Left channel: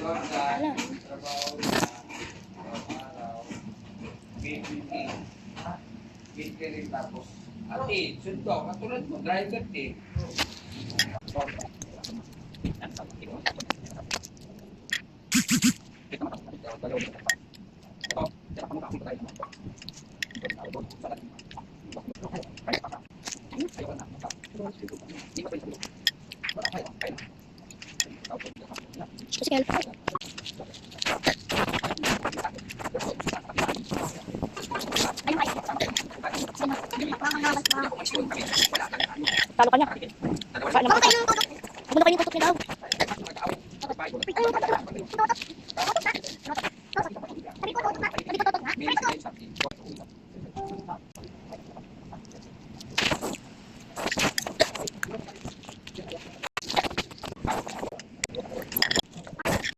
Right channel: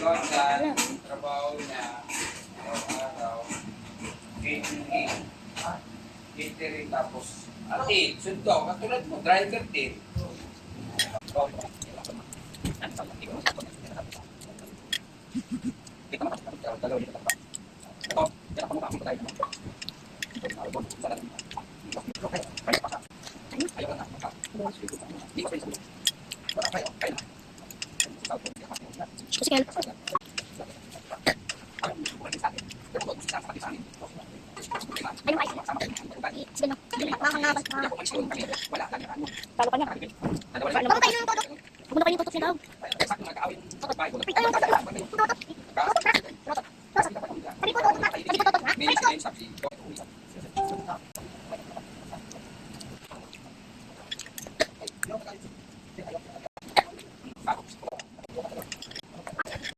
Wala. Trabaho niya, araw, 8 tapos, sundo, katulad mo, driver din. Kasi kaya talo ka niya. Baka kayo yung tutok. Abot na kayo yung tutok niya daw.